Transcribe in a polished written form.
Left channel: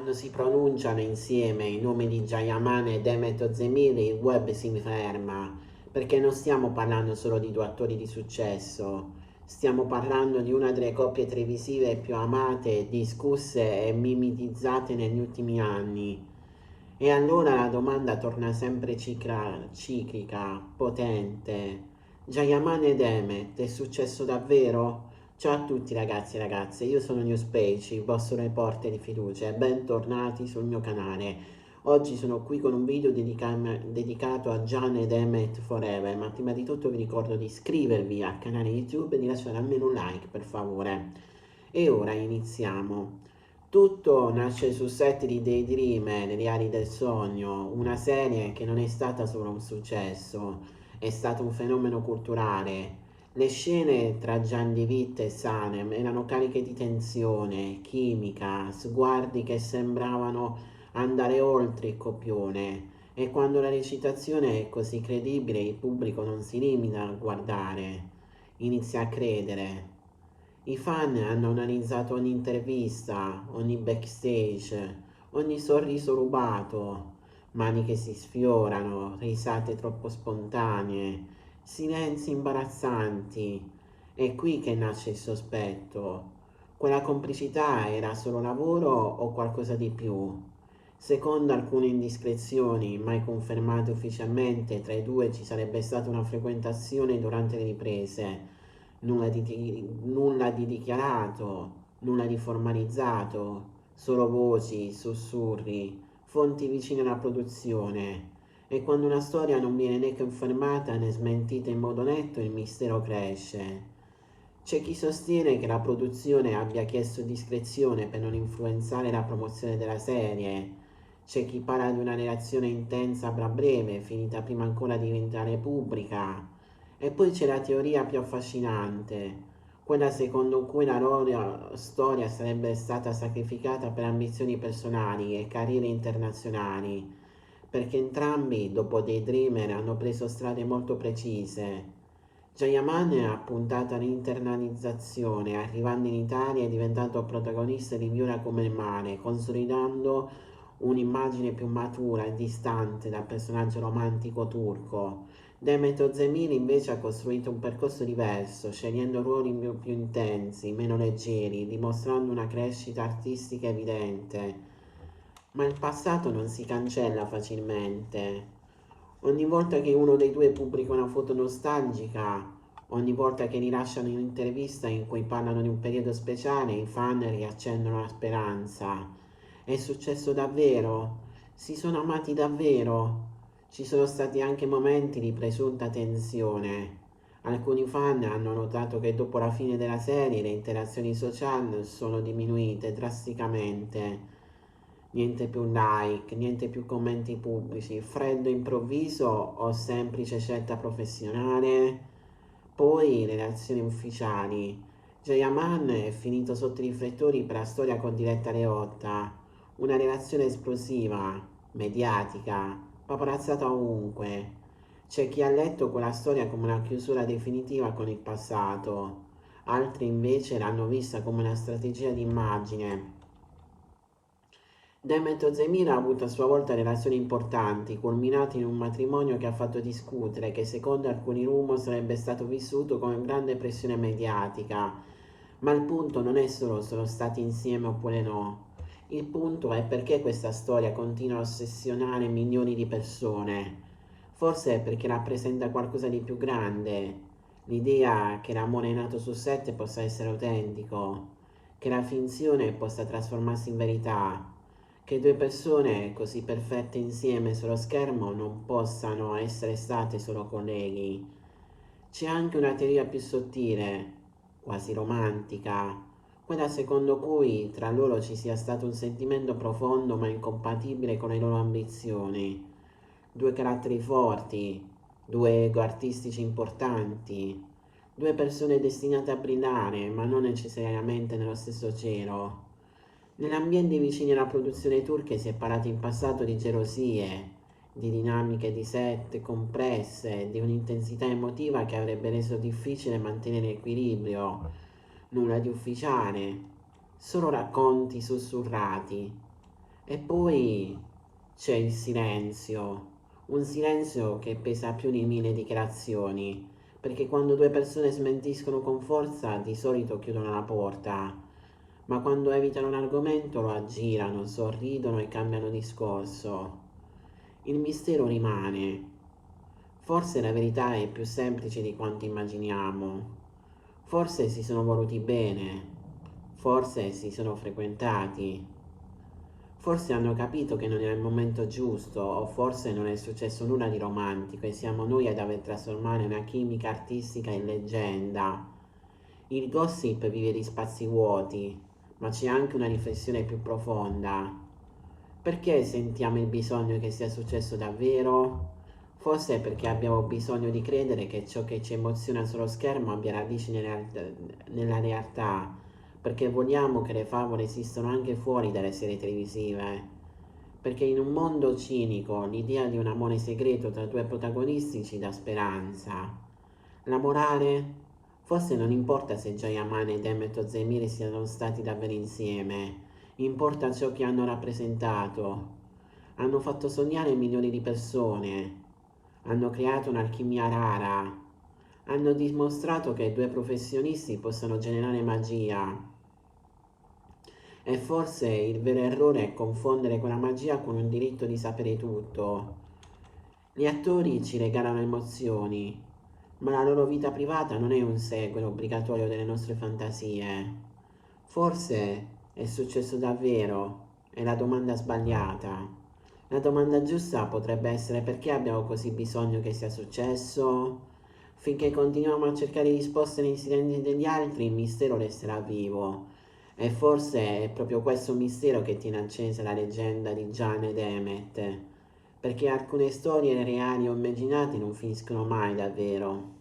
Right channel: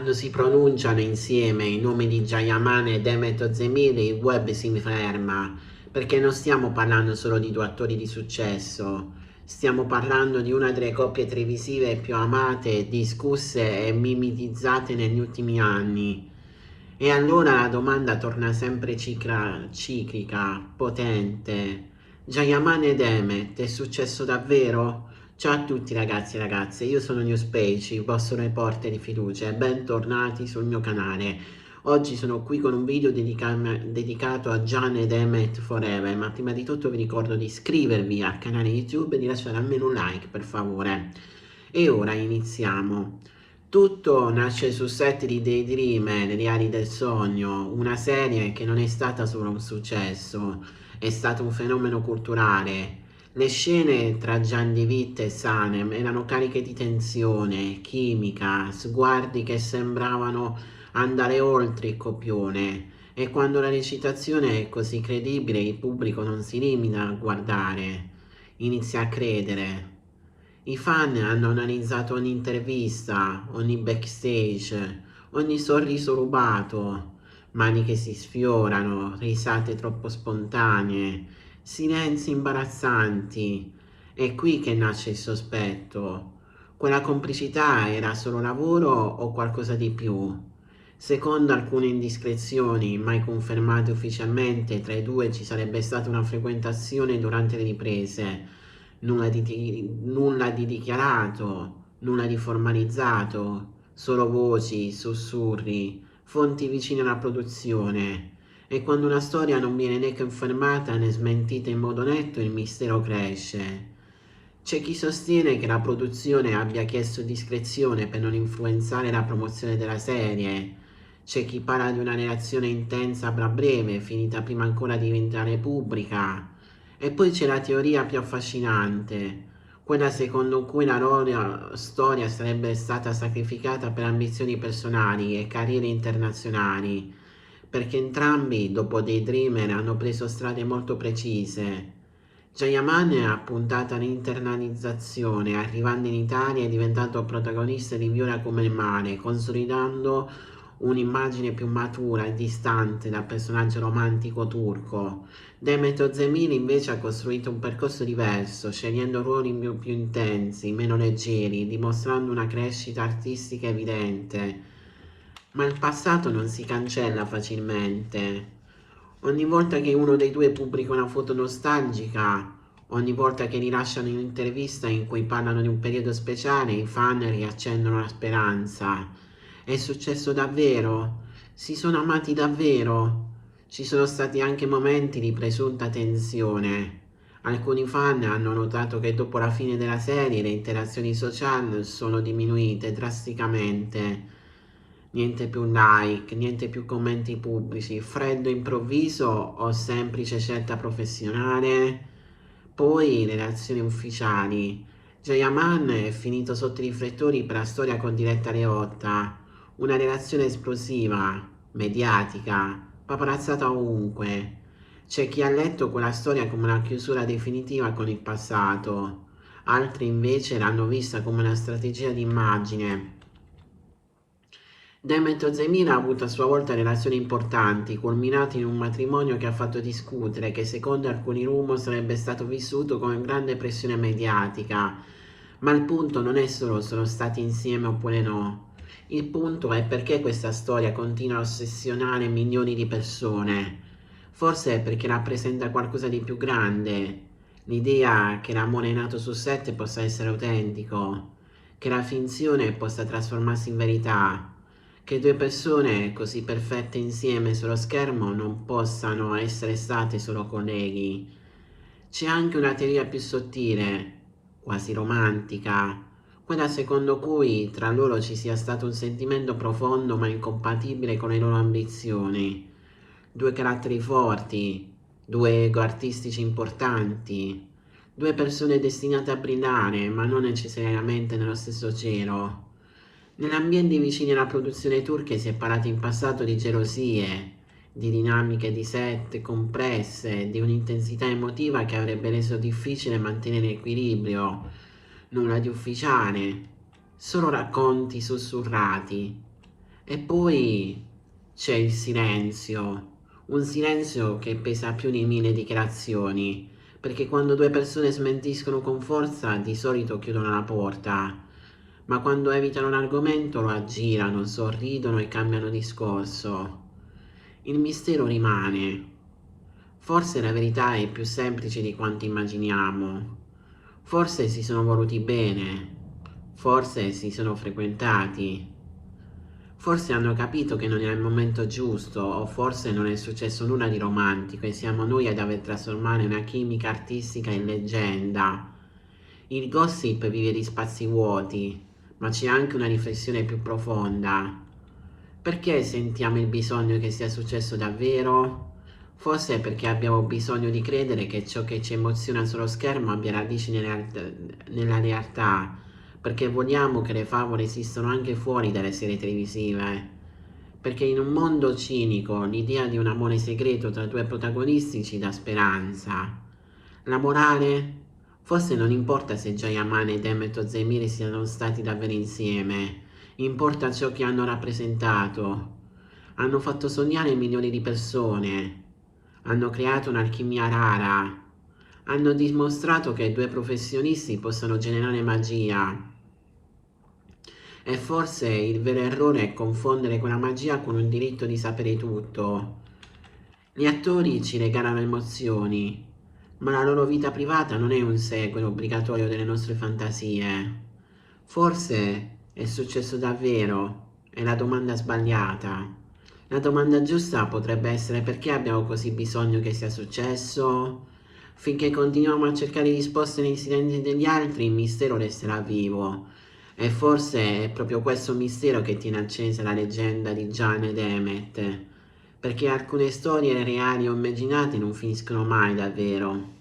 Quando si pronunciano insieme i nomi di Jayaman e Demet Özdemir, il web si ferma, perché non stiamo parlando solo di due attori di successo, stiamo parlando di una delle coppie televisive più amate, discusse e mimetizzate negli ultimi anni. E allora la domanda torna sempre ciclica, potente. Jayaman e Demet, è successo davvero? Ciao a tutti ragazzi e ragazze, io sono Newspage, il vostro reporter di fiducia e bentornati sul mio canale. Oggi sono qui con un video dedicato a Jan ed Emmet Forever, ma prima di tutto vi ricordo di iscrivervi al canale YouTube e di lasciare almeno un like per favore. E ora iniziamo. Tutto nasce sul set di Daydream, Le Reali del Sogno, una serie che non è stata solo un successo, è stato un fenomeno culturale. Le scene tra Gian Di Vitt e Sanem erano cariche di tensione, chimica, sguardi che sembravano andare oltre il copione, e quando la recitazione è così credibile il pubblico non si limita a guardare, inizia a credere. I fan hanno analizzato ogni intervista, ogni backstage, ogni sorriso rubato, mani che si sfiorano, risate troppo spontanee, silenzi imbarazzanti. È qui che nasce il sospetto. Quella complicità era solo lavoro o qualcosa di più? Secondo alcune indiscrezioni, mai confermate ufficialmente, tra i due ci sarebbe stata una frequentazione durante le riprese. Nulla di dichiarato, nulla di formalizzato, solo voci, sussurri, fonti vicine alla produzione. E quando una storia non viene né confermata né smentita in modo netto, il mistero cresce. C'è chi sostiene che la produzione abbia chiesto discrezione per non influenzare la promozione della serie. C'è chi parla di una relazione intensa ma breve, finita prima ancora di diventare pubblica. E poi c'è la teoria più affascinante, quella secondo cui la loro storia sarebbe stata sacrificata per ambizioni personali e carriere internazionali, perché entrambi, dopo Daydreamer, hanno preso strade molto precise. Jayaman ha puntato all'internalizzazione, arrivando in Italia e diventando protagonista di Viola come il mare, consolidando un'immagine più matura e distante dal personaggio romantico turco. Demet Özdemir invece ha costruito un percorso diverso, scegliendo ruoli più intensi, meno leggeri, dimostrando una crescita artistica evidente. Ma il passato non si cancella facilmente. Ogni volta che uno dei due pubblica una foto nostalgica, ogni volta che rilasciano un'intervista in cui parlano di un periodo speciale, i fan riaccendono la speranza. È successo davvero? Si sono amati davvero? Ci sono stati anche momenti di presunta tensione. Alcuni fan hanno notato che dopo la fine della serie le interazioni social sono diminuite drasticamente. Niente più like, niente più commenti pubblici, freddo improvviso o semplice scelta professionale. Poi le reazioni ufficiali. Jayaman è finito sotto i riflettori per la storia con Diletta Leotta, una relazione esplosiva, mediatica, paparazzata ovunque. C'è chi ha letto quella storia come una chiusura definitiva con il passato, altri invece l'hanno vista come una strategia di immagine. Demet Özdemir ha avuto a sua volta relazioni importanti, culminate in un matrimonio che ha fatto discutere, che secondo alcuni rumor sarebbe stato vissuto come grande pressione mediatica. Ma il punto non è solo sono stati insieme oppure no. Il punto è perché questa storia continua a ossessionare milioni di persone. Forse è perché rappresenta qualcosa di più grande. L'idea che l'amore nato su set possa essere autentico, che la finzione possa trasformarsi in verità, che due persone così perfette insieme sullo schermo non possano essere state solo colleghi. C'è anche una teoria più sottile, quasi romantica, quella secondo cui tra loro ci sia stato un sentimento profondo ma incompatibile con le loro ambizioni. Due caratteri forti, due ego artistici importanti, due persone destinate a brillare ma non necessariamente nello stesso cielo. Negli ambienti vicini alla produzione turca si è parlato in passato di gelosie, di dinamiche di set compresse, di un'intensità emotiva che avrebbe reso difficile mantenere equilibrio. Nulla di ufficiale, solo racconti sussurrati. E poi c'è il silenzio, un silenzio che pesa più di mille dichiarazioni, perché quando due persone smentiscono con forza di solito chiudono la porta, ma quando evitano un argomento lo aggirano, sorridono e cambiano discorso. Il mistero rimane. Forse la verità è più semplice di quanto immaginiamo. Forse si sono voluti bene, forse si sono frequentati, forse hanno capito che non è il momento giusto, o forse non è successo nulla di romantico e siamo noi ad aver trasformato una chimica artistica in leggenda. Il gossip vive di spazi vuoti, ma c'è anche una riflessione più profonda. Perché sentiamo il bisogno che sia successo davvero? Forse è perché abbiamo bisogno di credere che ciò che ci emoziona sullo schermo abbia radici nella realtà, perché vogliamo che le favole esistano anche fuori dalle serie televisive. Perché in un mondo cinico l'idea di un amore segreto tra due protagonisti ci dà speranza. La morale? Forse non importa se Jayaman e Demet Özdemir siano stati davvero insieme, importa ciò che hanno rappresentato. Hanno fatto sognare milioni di persone, hanno creato un'alchimia rara, hanno dimostrato che due professionisti possono generare magia. E forse il vero errore è confondere quella magia con un diritto di sapere tutto. Gli attori ci regalano emozioni, ma la loro vita privata non è un seguito obbligatorio delle nostre fantasie. Forse è successo davvero, è la domanda sbagliata. La domanda giusta potrebbe essere: perché abbiamo così bisogno che sia successo? Finché continuiamo a cercare risposte nei silenzi degli altri, il mistero resterà vivo. E forse è proprio questo mistero che tiene accesa la leggenda di Gian ed Emmet, perché alcune storie reali o immaginate non finiscono mai davvero.